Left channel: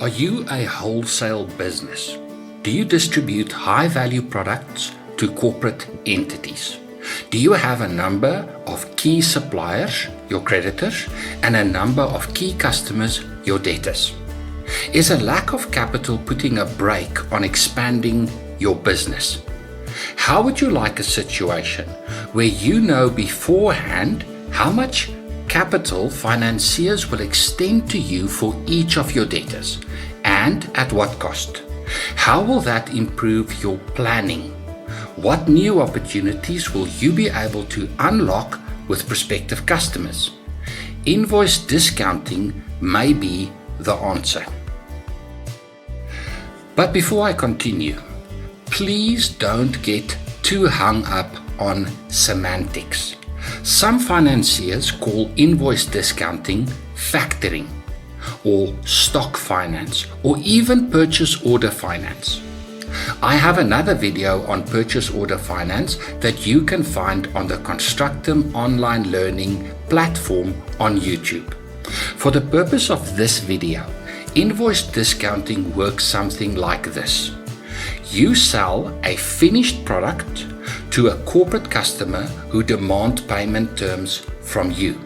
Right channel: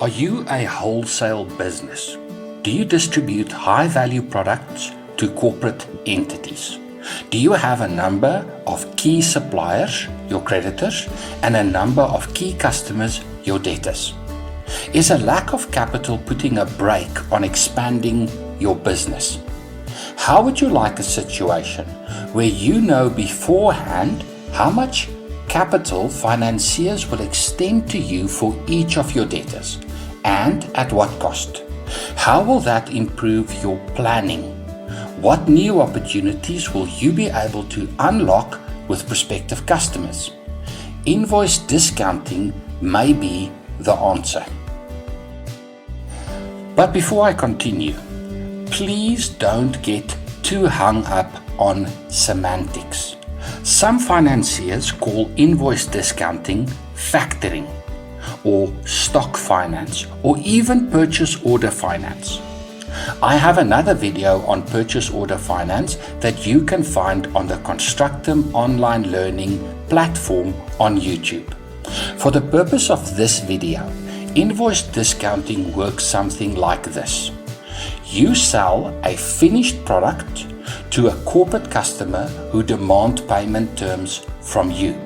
Are you a wholesale business? Do you distribute high-value products to corporate entities? Do you have a number of key suppliers, your creditors, and a number of key customers, your debtors? Is a lack of capital putting a brake on expanding your business? How would you like a situation where you know beforehand how much capital financiers will extend to you for each of your debtors, and at what cost? How will that improve your planning? What new opportunities will you be able to unlock with prospective customers? Invoice discounting may be the answer. But before I continue, please don't get too hung up on semantics. Some financiers call invoice discounting factoring, or stock finance, or even purchase order finance. I have another video on purchase order finance that you can find on the Constructum online learning platform on YouTube. For the purpose of this video, invoice discounting works something like this. You sell a finished product to a corporate customer who demand payment terms from you.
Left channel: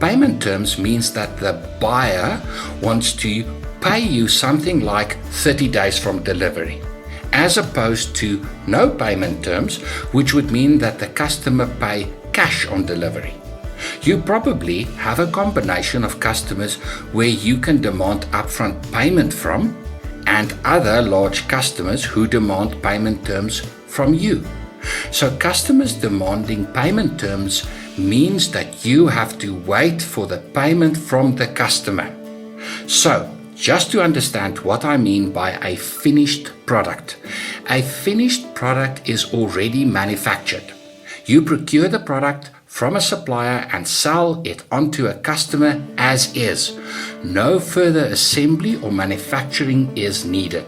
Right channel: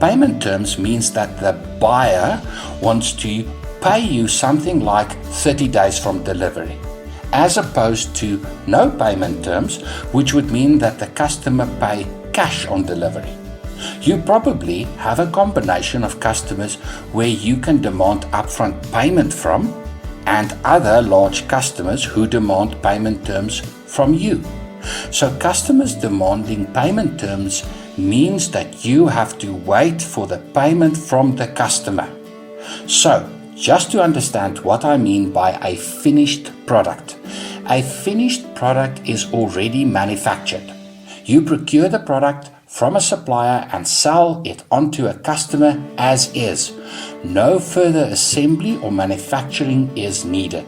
Payment terms means that the buyer wants to pay you something like 30 days from delivery, as opposed to no payment terms, which would mean that the customer pay cash on delivery. You probably have a combination of customers where you can demand upfront payment from, and other large customers who demand payment terms from you. So customers demanding payment terms means that you have to wait for the payment from the customer. So, just to understand what I mean by a finished product. A finished product is already manufactured. You procure the product from a supplier and sell it onto a customer as is. No further assembly or manufacturing is needed.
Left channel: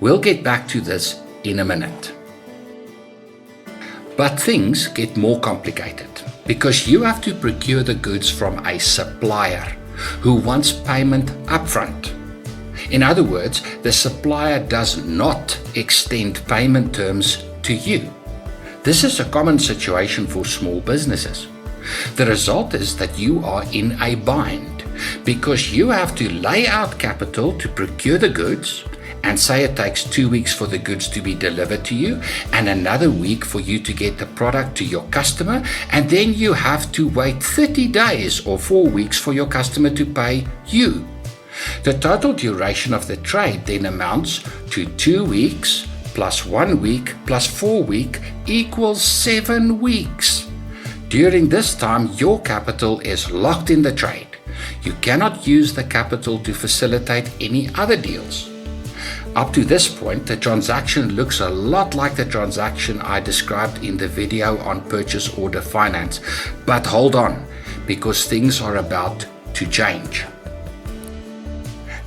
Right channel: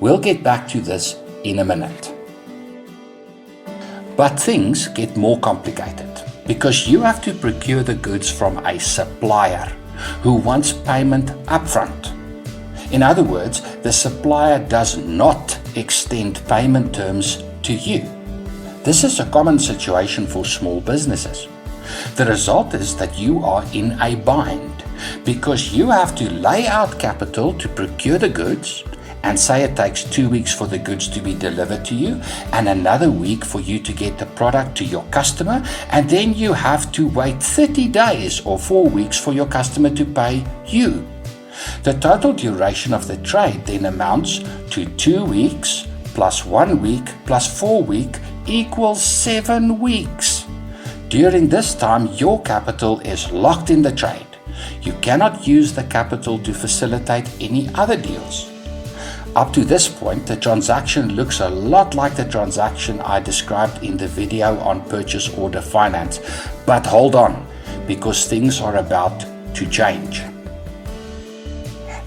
We'll get back to this in a minute. But things get more complicated because you have to procure the goods from a supplier who wants payment upfront. In other words, the supplier does not extend payment terms to you. This is a common situation for small businesses. The result is that you are in a bind because you have to lay out capital to procure the goods, and say it takes 2 weeks for the goods to be delivered to you, and another week for you to get the product to your customer, and then you have to wait 30 days or 4 weeks for your customer to pay you. The total duration of the trade then amounts to 2 weeks plus 1 week plus 4 weeks equals 7 weeks. During this time, your capital is locked in the trade. You cannot use the capital to facilitate any other deals. Up to this point, the transaction looks a lot like the transaction I described in the video on purchase order finance. But hold on, because things are about to change.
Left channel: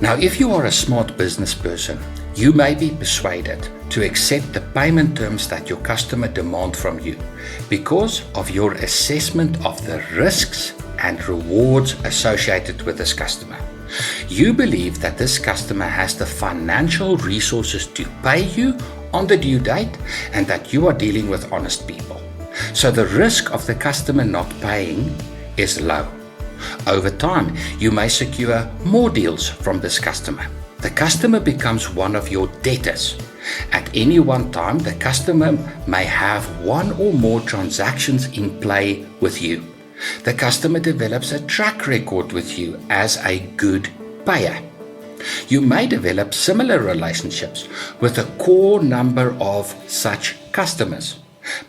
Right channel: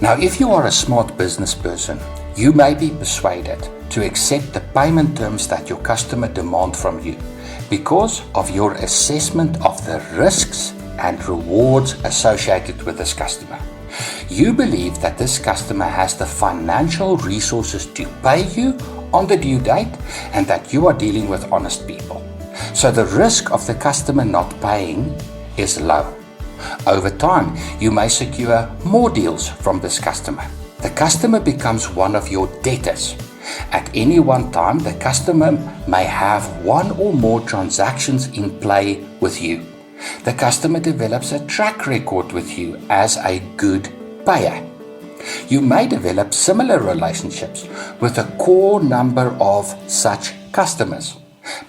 Now, if you are a smart business person, you may be persuaded to accept the payment terms that your customer demands from you because of your assessment of the risks and rewards associated with this customer. You believe that this customer has the financial resources to pay you on the due date and that you are dealing with honest people. So the risk of the customer not paying is low. Over time, you may secure more deals from this customer. The customer becomes one of your debtors. At any one time, the customer may have one or more transactions in play with you. The customer develops a track record with you as a good payer. You may develop similar relationships with a core number of such customers,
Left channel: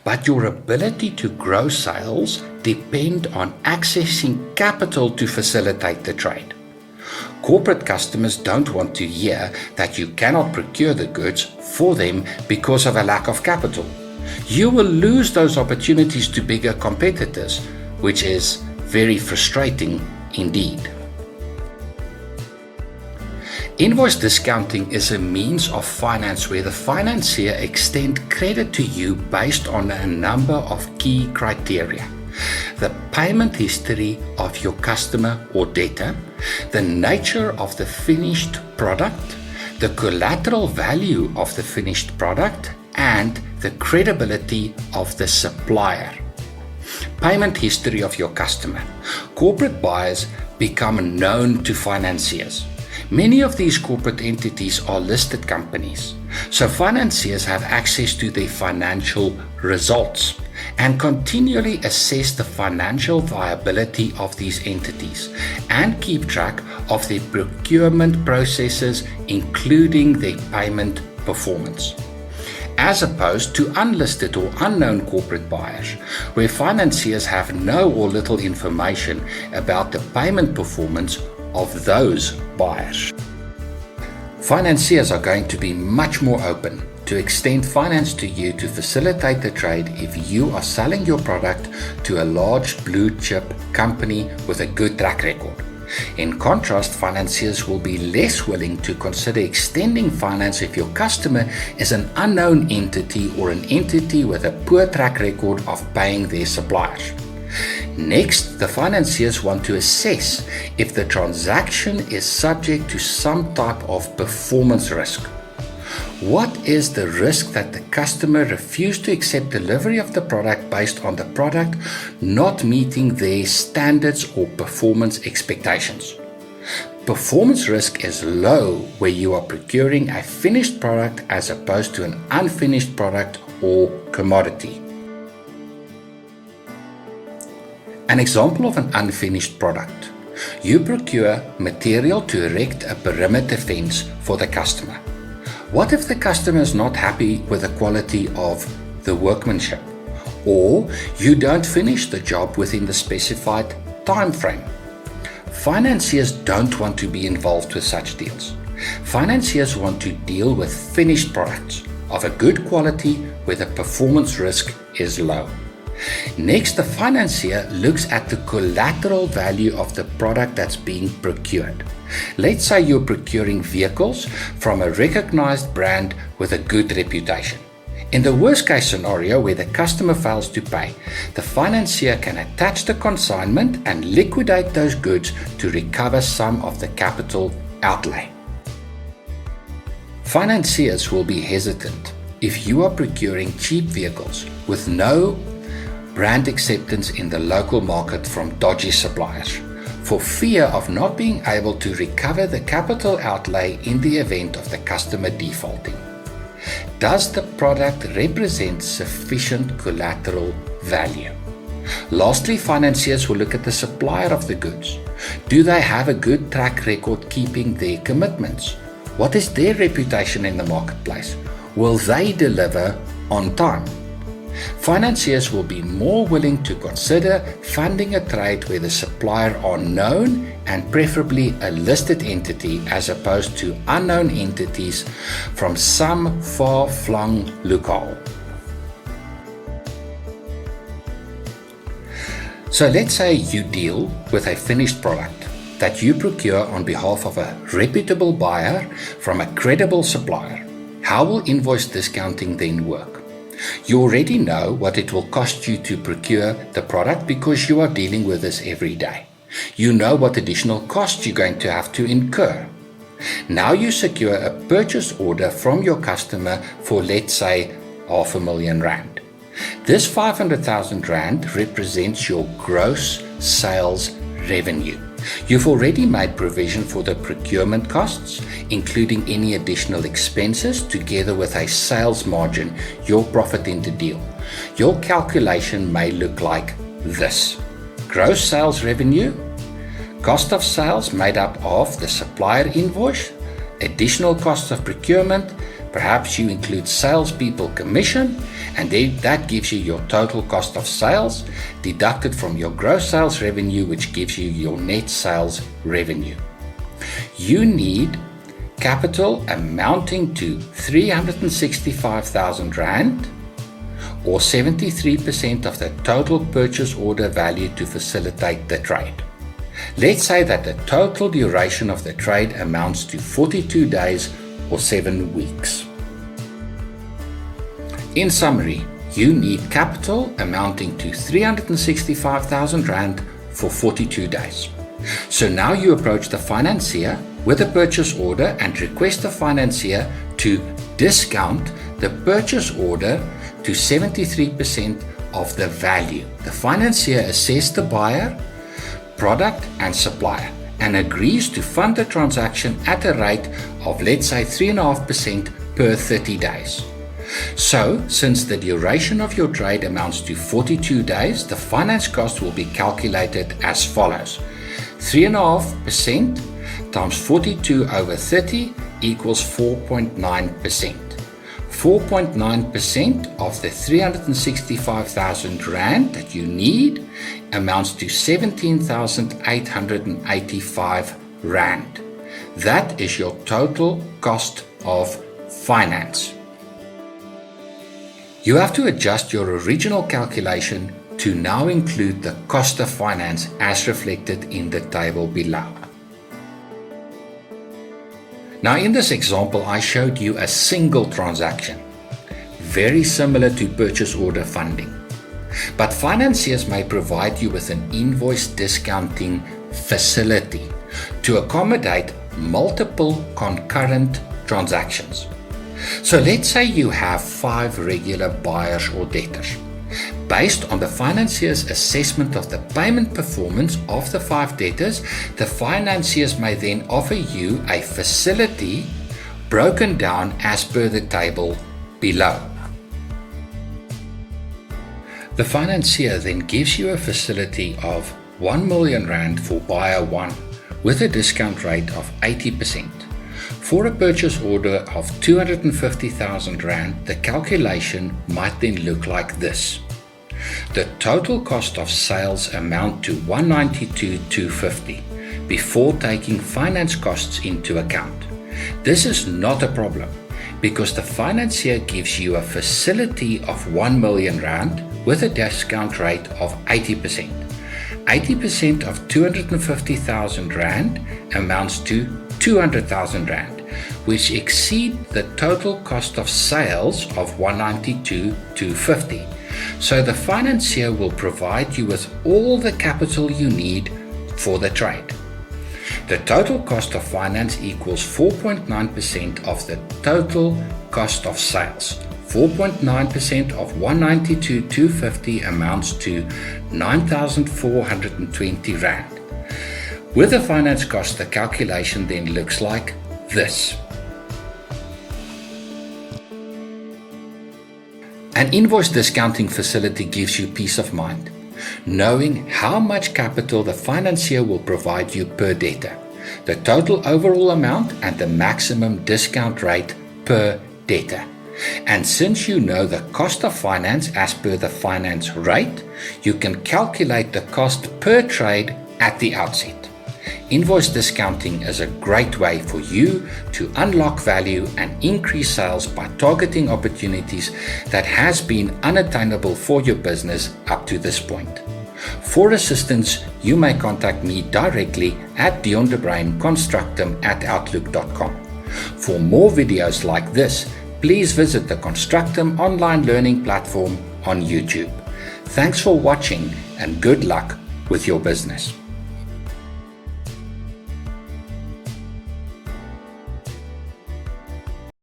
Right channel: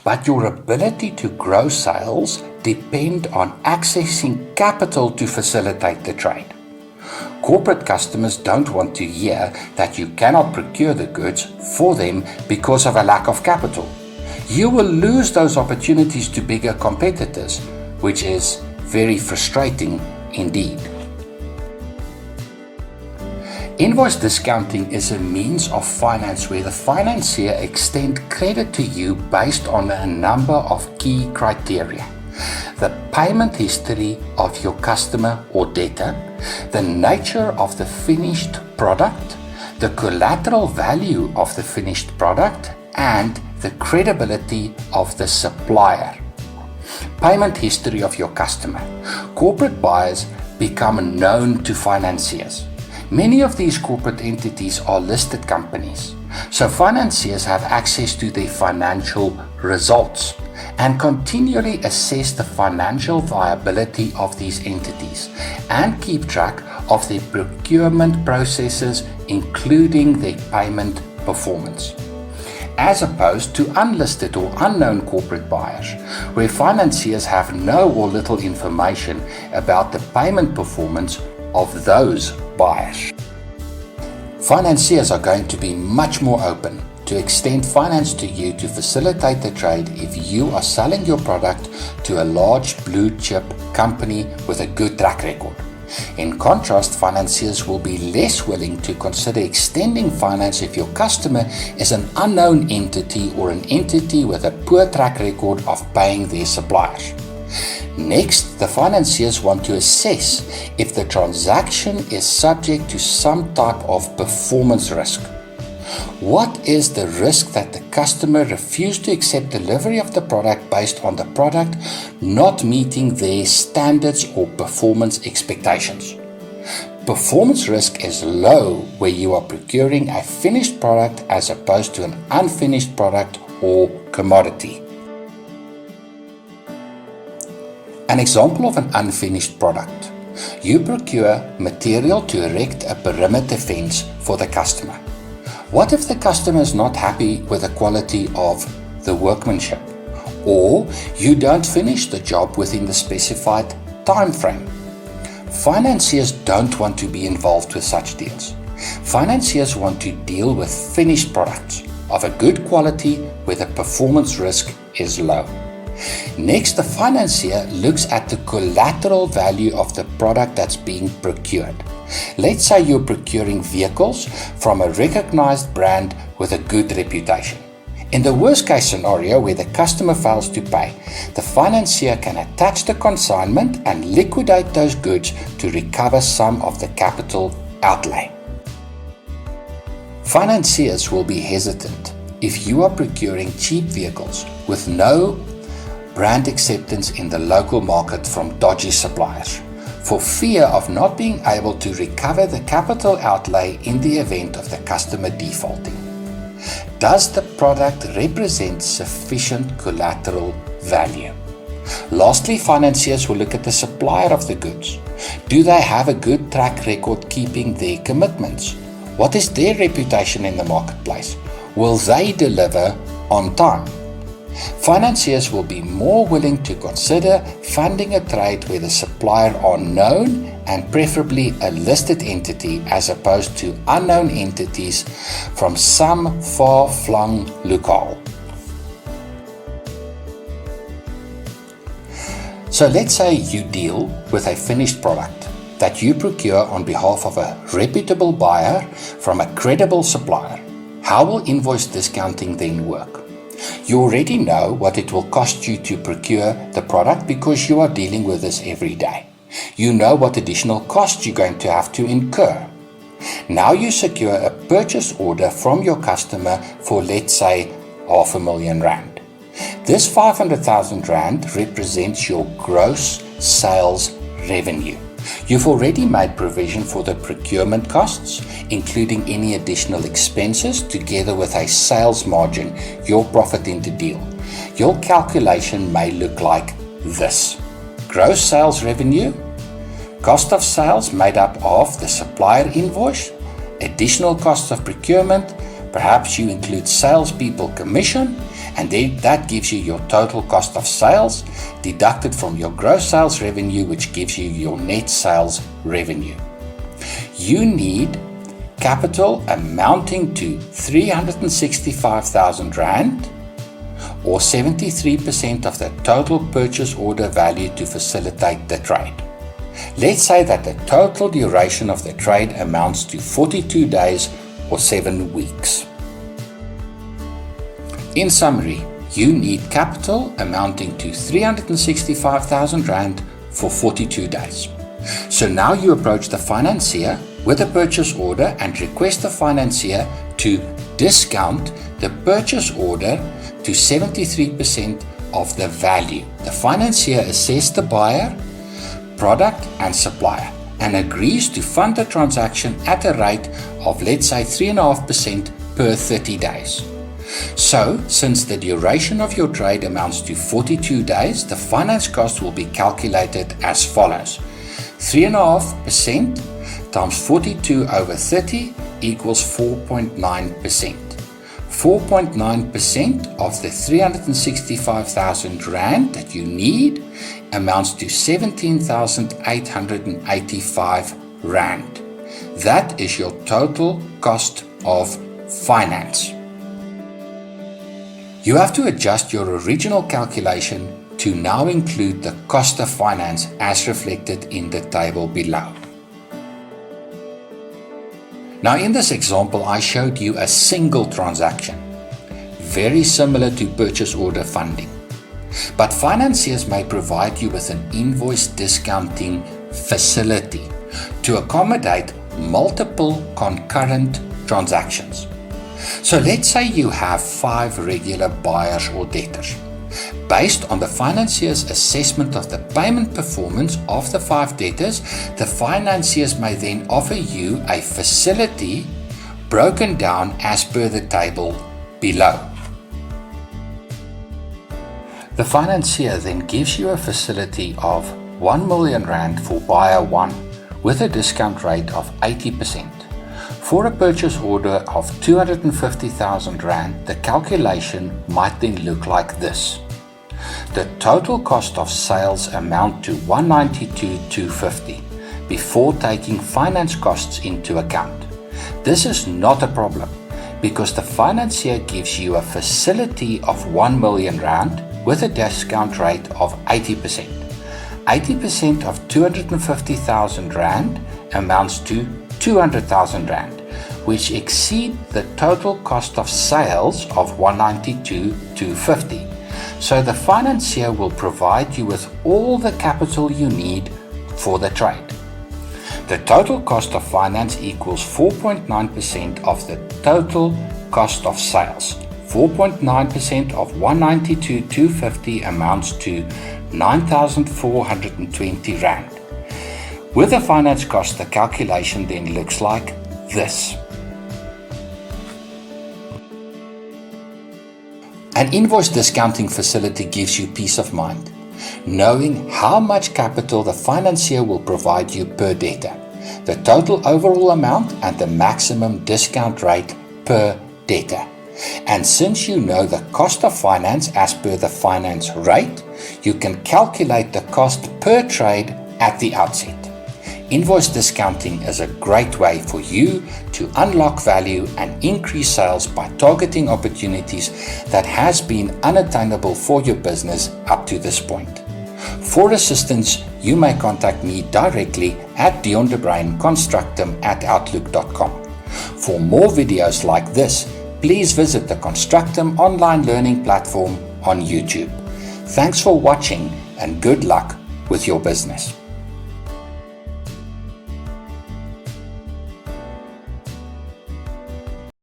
but your ability to grow sales depend on accessing capital to facilitate the trade. Corporate customers don't want to hear that you cannot procure the goods for them because of a lack of capital. You will lose those opportunities to bigger competitors, which is very frustrating indeed. Invoice discounting is a means of finance where the financier extends credit to you based on a number of key criteria. The payment history of your customer or debtor, the nature of the finished product, the collateral value of the finished product, and the credibility of the supplier. Payment history of your customer. Corporate buyers become known to financiers. Many of these corporate entities are listed companies, so financiers have access to their financial results and continually assess the financial viability of these entities and keep track of their procurement processes, including their payment performance. As opposed to unlisted or unknown corporate buyers, where financiers have no or little information about the payment performance of those buyers. Financiers are going to be much more open to extend finance to you to facilitate the trade if you are selling your product to a large blue chip company with a good track record. In contrast, financiers will be less willing to consider extending finance if your customer is an unknown entity or an entity with a poor track record of paying their suppliers. Next, the financiers want to assess if the transaction is subject to some type of performance risk. What is the risk that the customer refused to accept delivery of the product based on the product not meeting their standards or performance expectations? Performance risk is low where you are procuring a finished product as opposed to an unfinished product or commodity. An example of an unfinished product. You procure material to erect a perimeter fence for the customer. What if the customer is not happy with the quality of the workmanship, or you don't finish the job within the specified time frame? Financiers don't want to be involved with such deals. Financiers want to deal with finished products of a good quality where the performance risk is low. Next, the financier looks at the collateral value of the product that's being procured. Let's say you're procuring vehicles from a recognized brand with a good reputation. In the worst case scenario where the customer fails to pay, the financier can attach the consignment and liquidate those goods to recover some of the capital outlay. Financiers will be hesitant if you are procuring cheap vehicles with no brand acceptance in the local market from dodgy suppliers, for fear of not being able to recover the capital outlay in the event of the customer defaulting. Does the product represent sufficient collateral value? Lastly, financiers will look at the supplier of the goods. Do they have a good track record keeping their commitments? What is their reputation in the marketplace? Will they deliver on time? Financiers will be more willing to consider funding a trade where the supplier are known and preferably a listed entity as opposed to unknown entities from some far-flung locale. So let's say you deal with a finished product that you procure on behalf of a reputable buyer from a credible supplier. How will invoice discounting then work? You already know what it will cost you to procure the product because you are dealing with this every day. You know what additional costs you're going to have to incur. Now you secure a purchase order from your customer for, let's say, R500,000. This 500,000 Rand represents your gross sales revenue. You've already made provision for the procurement costs, including any additional expenses, together with a sales margin, your profit in the deal. Your calculation may look like this. Gross sales revenue, cost of sales made up of the supplier invoice, additional costs of procurement, perhaps you include salespeople commission, and then that gives you your total cost of sales deducted from your gross sales revenue, which gives you your net sales revenue. You need capital amounting to 365,000 Rand or 73% of the total purchase order value to facilitate the trade. Let's say that the total duration of the trade amounts to 42 days or 7 weeks. In summary, you need capital amounting to 365,000 Rand for 42 days. So now you approach the financier with a purchase order and request the financier to discount the purchase order to 73% of the value. The financier assesses the buyer, product and supplier and agrees to fund the transaction at a rate of, let's say, 3.5% per 30 days. So, since the duration of your trade amounts to 42 days, the finance cost will be calculated as follows. 3.5% times 42 over 30 equals 4.9%. 4.9% of the 365,000 Rand that you need amounts to 17,885 Rand. That is your total cost of finance. You have to adjust your original calculation to now include the cost of finance as reflected in the table below. Now in this example, I showed you a single transaction, very similar to purchase order funding. But financiers may provide you with an invoice discounting facility to accommodate multiple concurrent transactions. So let's say you have 5 regular buyers or debtors. Based on the financier's assessment of the payment performance of the 5 debtors, the financiers may then offer you a facility broken down as per the table below. The financier then gives you a facility of 1 million Rand for buyer 1 with a discount rate of 80%. For a purchase order of 250,000 Rand, the calculation might then look like this. The total cost of sales amount to 192,250 before taking finance costs into account. This is not a problem because the financier gives you a facility of 1 million Rand with a discount rate of 80%. 80% of 250,000 Rand amounts to 200,000 Rand, which exceed the total cost of sales of 192,250. So the financier will provide you with all the capital you need for the trade. The total cost of finance equals 4.9% of the total cost of sales. 4.9% of 192,250 amounts to 9,420 Rand. With the finance cost, the calculation then looks like this. An invoice discounting facility gives you peace of mind, knowing how much capital the financier will provide you per debtor, the total overall amount and the maximum discount rate per debtor. And since you know the cost of finance as per the finance rate, you can calculate the cost per trade at the outset. Invoice discounting is a great way for you to unlock value and increase sales by targeting opportunities that has been unattainable for your business up to this point. For assistance, you may contact me directly at diondebrainconstructum@outlook.com. For more videos like this, please visit the Constructum online learning platform on YouTube. Thanks for watching and good luck with your business.